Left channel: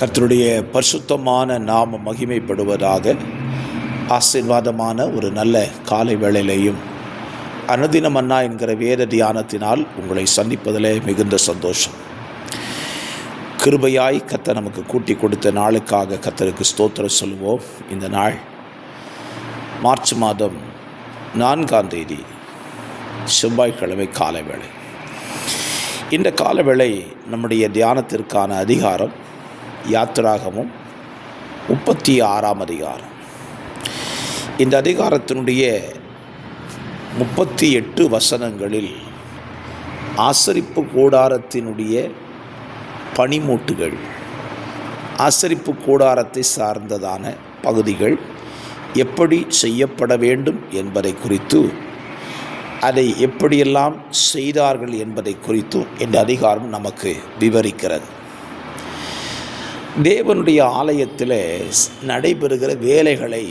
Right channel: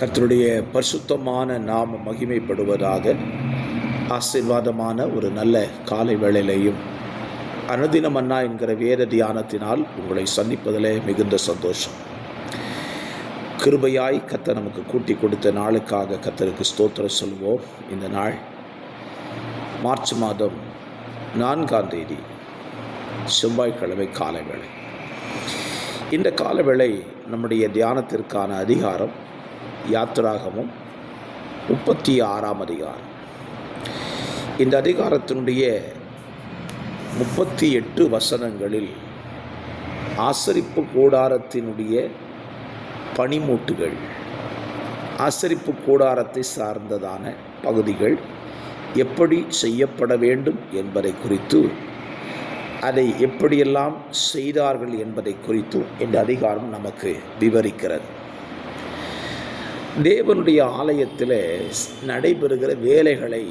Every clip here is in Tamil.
கர்த்தருடைய பரிசுத்தமான நாமம் மகிமைப்படுவதாக. ஆசீர்வாதமான ஒரு நல்ல காலை வேளையிலையும் அனுதினம் மன்னா என்கிற வேத தியானத்தினால் உங்களை சந்திப்பதிலே மிகுந்த சந்தோஷம். கிருபையாய் கர்த்தர் நமக்கு கூட்டி கொடுத்த நாளுக்காக கர்த்தருக்கு ஸ்தோத்திரம் சொல்லுவோம். இந்த நாள் மார்ச் மாதம் 4ஆம் தேதி செவ்வாய்க்கிழமை காலை வேளை. இந்த காலவேளை நம்முடைய தியானத்திற்கான அதிகாரம் யாத்திராகமும் 36ஆம் அதிகாரம். இந்த அதிகாரத்தினுடைய 38 வசனங்களில் ஆசரிப்பு கூடாரத்தினுடைய பணிமூட்டுகள், ஆசரிப்பு கூடாரத்தை சார்ந்ததான பகுதிகள் எப்படி செய்யப்பட வேண்டும் என்பதை குறித்து, அதை எப்படியெல்லாம் செய்தார்கள் என்பதை குறித்தும் இந்த அதிகாரம் நமக்கு விவரிக்கிறது. தேவனுடைய ஆலயத்தில் நடைபெறுகிற வேலைகளை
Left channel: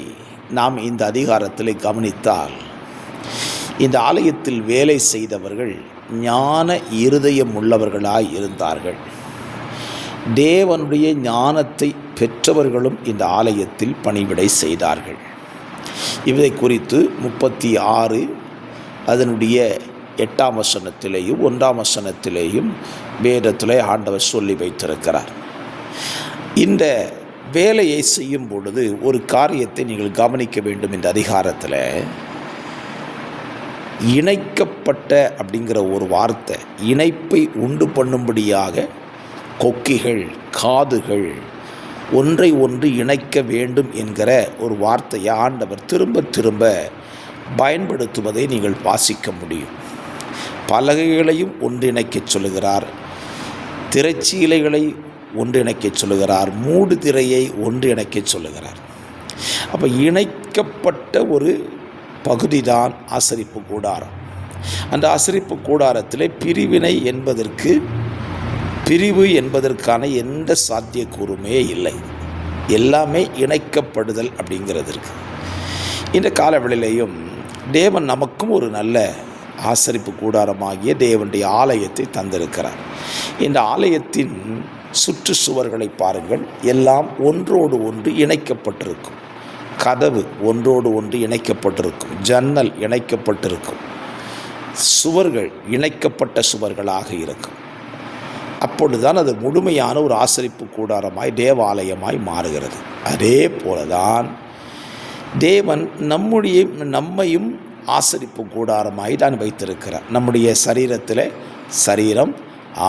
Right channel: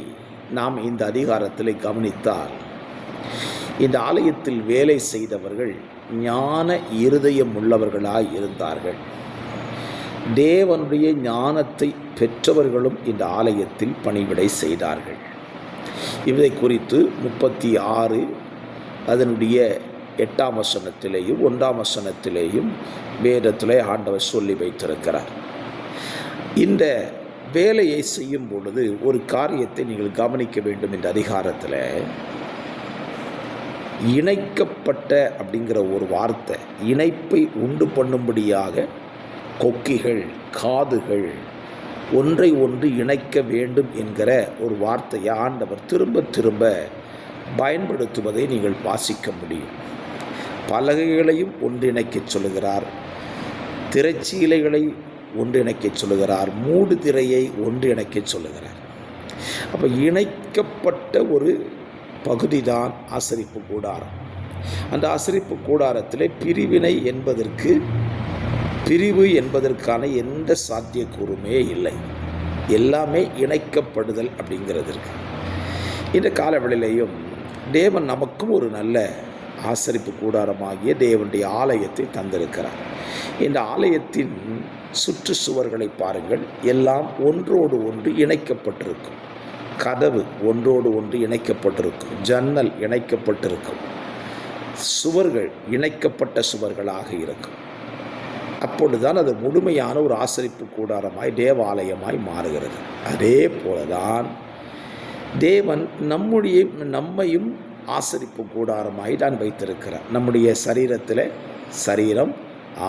நாம் இந்த அதிகாரத்தில் கவனித்தால், இந்த ஆலயத்தில் வேலை செய்தவர்கள் ஞான இருதயம் உள்ளவர்களாய் இருந்தார்கள். தேவனுடைய ஞானத்தை பெற்றவர்களும் இந்த ஆலயத்தில் பணிவிடை செய்தார்கள். இதை குறித்து 36 அதனுடைய 8ஆம் வசனத்திலேயும் 1ஆம் வசனத்திலேயும் வேதத்திலே ஆண்டவர் சொல்லி வைத்திருக்கிறார். இந்த வேலையை செய்யும் பொழுது ஒரு காரியத்தை நீங்கள் கவனிக்க வேண்டும். இந்த அதிகாரத்தில் இணைக்கப்பட்ட அப்படிங்கிற ஒரு வார்த்தை, இணைப்பை உண்டு பண்ணும்படியாக கொக்கிகள், காதுகள் ஒன்றை ஒன்று இணைக்க வேண்டும் என்கிற ஒரு வார்த்தையை ஆண்டவர் திரும்ப திரும்ப பயன்படுத்துவதை நீங்கள் வாசிக்க முடியும். பலகைகளையும் ஒன்றிணைக்கச் சொல்லுகிறார், திரைச்சீலைகளை ஒன்றிணைக்கச் சொல்லுகிறார், மூடு திரையை ஒன்றிணைக்கச் சொல்லுகிறார். அப்போ இணைக்கப்பட்ட ஒரு பகுதி தான் ஆசரிப்பு கூடாரம். அந்த ஆசரிப்பு கூடாரத்தில் பிரிவு என்பதற்கான எந்த சாத்தியக்கூறுமே இல்லை. எல்லாமே இணைக்கப்படுதல் அப்படிங்கிறதுக்கு இந்த காலவெளியிலையும் தேவன் நமக்கும் ஒரு நல்ல ஆசரிப்பு கூடாரமாகிய தேவனுடைய ஆலயத்தை தந்திருக்கிறார். இந்த ஆலயத்தின் சுற்றுச்சுவர்களை பாருங்கள், எல்லாம் ஒன்றோடு ஒன்று இணைக்கப்பட்டிருக்கும். கதவு ஒன்றோடு ஒன்று இணைக்கப்பட்டிருக்கும், ஜன்னல் இணைக்கப்பட்டிருக்கும், சுவர்கள் இணைக்கப்பட்ட சுவர்களாக இருக்கும். அப்பொழுதுதான் அது முழுமையான ஒரு ஆசரிப்பு கூடாரமாய் தேவாலயமாய் மாறுகிறது. அதே போலதான் தேவன் நம்மையும் ஆசரிப்பு கூடாரமாய் தான் வைத்திருக்கிறார். நம்முடைய சரீரத்தில் சரீரம்,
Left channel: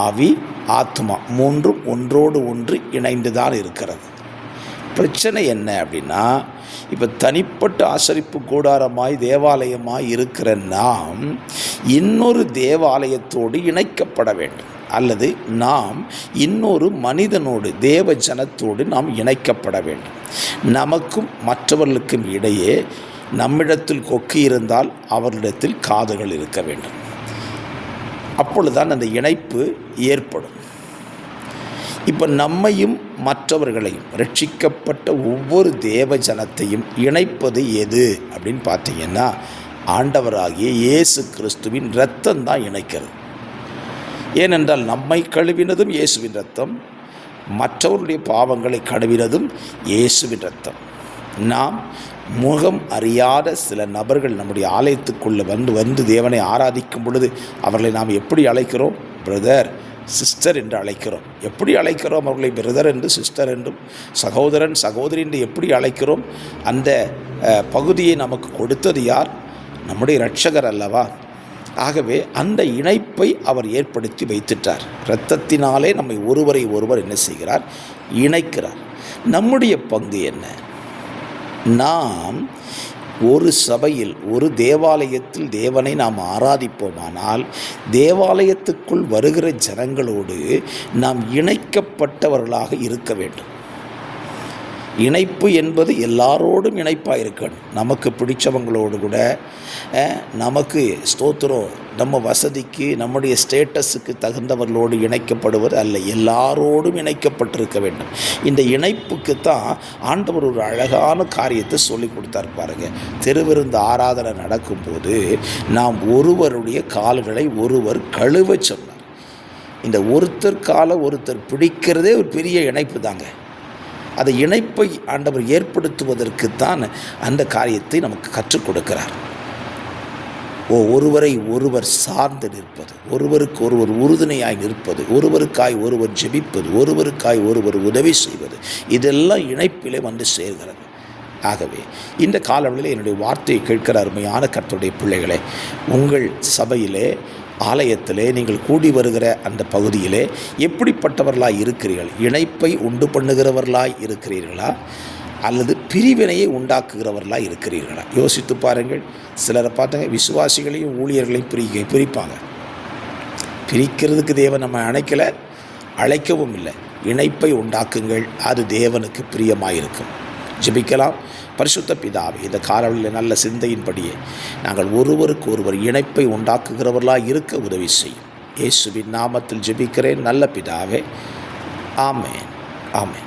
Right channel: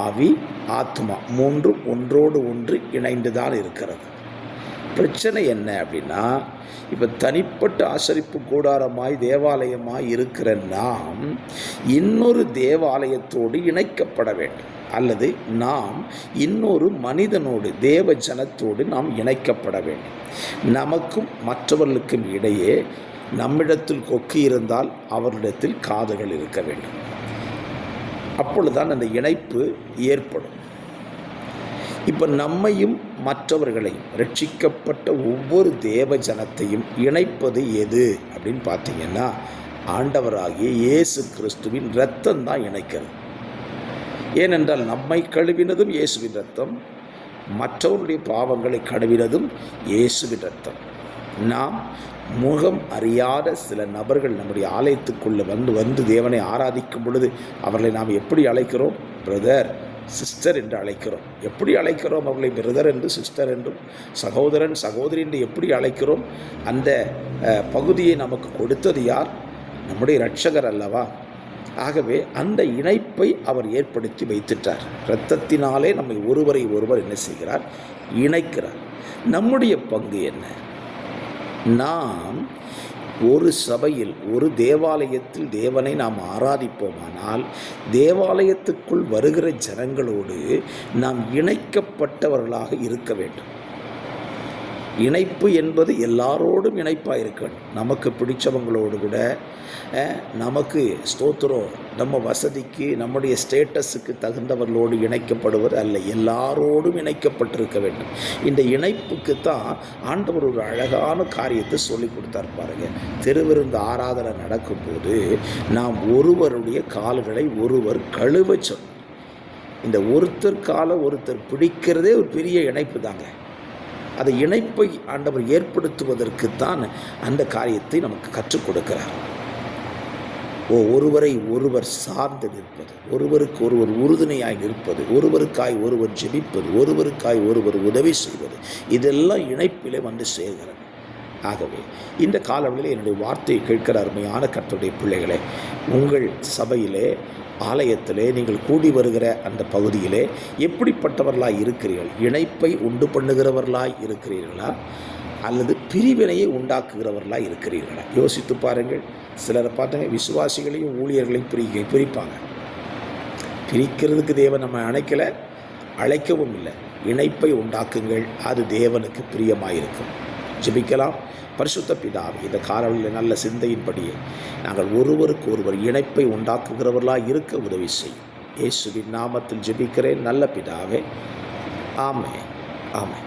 ஆவி, ஆத்மா மூன்றும் ஒன்றோடு ஒன்று இணைந்து தான் இருக்கிறது. பிரச்சனை என்ன அப்படின்னா, இப்போ தனிப்பட்ட ஆசரிப்பு கூடாரமாய் தேவாலயமாய் இருக்கிற நாம் இன்னொரு தேவாலயத்தோடு இணைக்கப்பட வேண்டும், அல்லது நாம் இன்னொரு மனிதனோடு, தேவ ஜனத்தோடு நாம் இணைக்கப்பட வேண்டும். நமக்கும் மற்றவர்களுக்கும் இடையே நம்மிடத்தில் கொக்கி இருந்தால் அவர்களிடத்தில் காதுகள் இருக்க வேண்டும். அப்பொழுதுதான் அந்த இணைப்பு ஏற்படும். இப்போ நம்மையும் மற்றவர்களையும், ரட்சிக்கப்பட்ட ஒவ்வொரு தேவ ஜனத்தையும் இணைப்பது எது அப்படின்னு பார்த்தீங்கன்னா, ஆண்டவராகிய இயேசு கிறிஸ்துவின் இரத்தம் தான் இணைக்கிறது. ஏனென்றால் நம்மை கழுவினதும் இயேசுவின் இரத்தம், மற்றவருடைய பாவங்களை கழுவினதும் இயேசுவின் இரத்தம். நாம் முகம் அறியாத சில நபர்கள் நம்முடைய ஆலயத்துக்குள்ளே வந்து தேவனை ஆராதிக்கும் பொழுது அவர்களை நாம் எப்படி அழைக்கிறோம்? பிரதர், சிஸ்டர் என்று அழைக்கிறோம். எப்படி அழைக்கிறோம் அவர்களை? பிரதர் என்று, சிஸ்டர் என்றும், சகோதரன், சகோதரி என்று எப்படி அழைக்கிறோம்? அந்த பகுதியை நமக்கு கொடுத்தது யார்? நம்முடைய இரட்சகர் அல்லவா? ஆகவே அந்த இணைப்பை அவர் ஏற்படுத்தி வைத்துட்டார். இரத்தத்தினாலே நம்மை ஒருவரை ஒருவர் என்ன செய்கிறார்? இணைக்கிறார். நம்முடைய பங்கு என்ன? நாம் ஒரு சபையில், ஒரு தேவாலயத்தில் தேவனை நாம் ஆராதிப்போமானால், தேவாலயத்துக்குள் வருகிற ஜனங்களோடு நாம் இணைக்கப்பட்டவர்களாக இருக்க வேண்டும். இணைப்பு என்பது எல்லாரோடும் இணைப்பாக இருக்கணும். நமக்கு பிடிச்சவங்களோடு கூட, நமக்கு ஸ்தோத்திரம், நம்ம வசதிக்கு, நம்முடைய ஸ்டேட்டஸுக்கு தகுந்தவர்களோடு இணைக்கப்படுவது அல்ல, எல்லாரோடும் இணைக்கப்பட்டிருக்க வேண்டும். இந்த இணைப்புக்கு தான் ஆண்டவர் ஒரு அழகான காரியத்தை சொல்லி கொடுத்தார் பாருங்க. திருவிருந்து ஆராதனை நடக்கும்போது நாம் ஒருவருடைய கால்களை ஒருவர் கழுவ சொன்னார். இந்த ஒருத்தர் காலை ஒருத்தர் பிடிக்கிறதே ஒரு பெரிய இணைப்பு தாங்க. அந்த இணைப்பை ஆண்டவர் ஏற்படுத்துவதற்குத்தான் அந்த காரியத்தை நமக்கு கற்றுக் கொடுக்கிறார். ஒருவரை ஒருவர் சார்ந்து நிற்பது, ஒருவருக்கு ஒருவர் உறுதுணையாய் நிற்பது, ஒருவருக்காய் ஒருவர் ஜெபிப்பது, ஒருவருக்காய் ஒருவர் உதவி செய்வது, இதெல்லாம் இணைப்பிலே வந்து சேர்கிறது. ஆகவே இந்த காலவெளியில் என்னுடைய வார்த்தையை கேட்கிற அருமையான கர்த்தருடைய பிள்ளைகளே, உங்கள் சபையிலே, ஆலயத்திலே, நீங்கள் கூடி வருகிற அந்த பகுதியிலே எப்படிப்பட்டவர்களாய் இருக்கிறீர்கள்? இணைப்பை உண்டு பண்ணுகிறவர்களாய் இருக்கிறீர்களா, அல்லது பிரிவினையை உண்டாக்குகிறவர்களாக இருக்கிறீர்களா? யோசித்து பாருங்கள். சிலரை பார்த்தாங்க, விசுவாசிகளையும் ஊழியர்களையும் பிரிப்பாங்க. பிரிக்கிறதுக்கு தேவன் நம்ம அழைக்கவும் இல்லை. இணைப்பை உண்டாக்குங்கள், அது தேவனுக்கு பிரியமாயிருக்கும். ஜெபிக்கலாம். பரிசுத்த பிதாவே, இந்த காலவெளியில் நல்ல சிந்தையின்படியே நாங்கள் ஒருவருக்கு ஒருவர் இணைப்பை உண்டாக்குகிறவர்களாக இருக்க உதவி செய்யும். இயேசுவின் நாமத்தில் ஜெபிக்கிறேன் நல்ல பிதாவே. ஆமென், ஆமென்.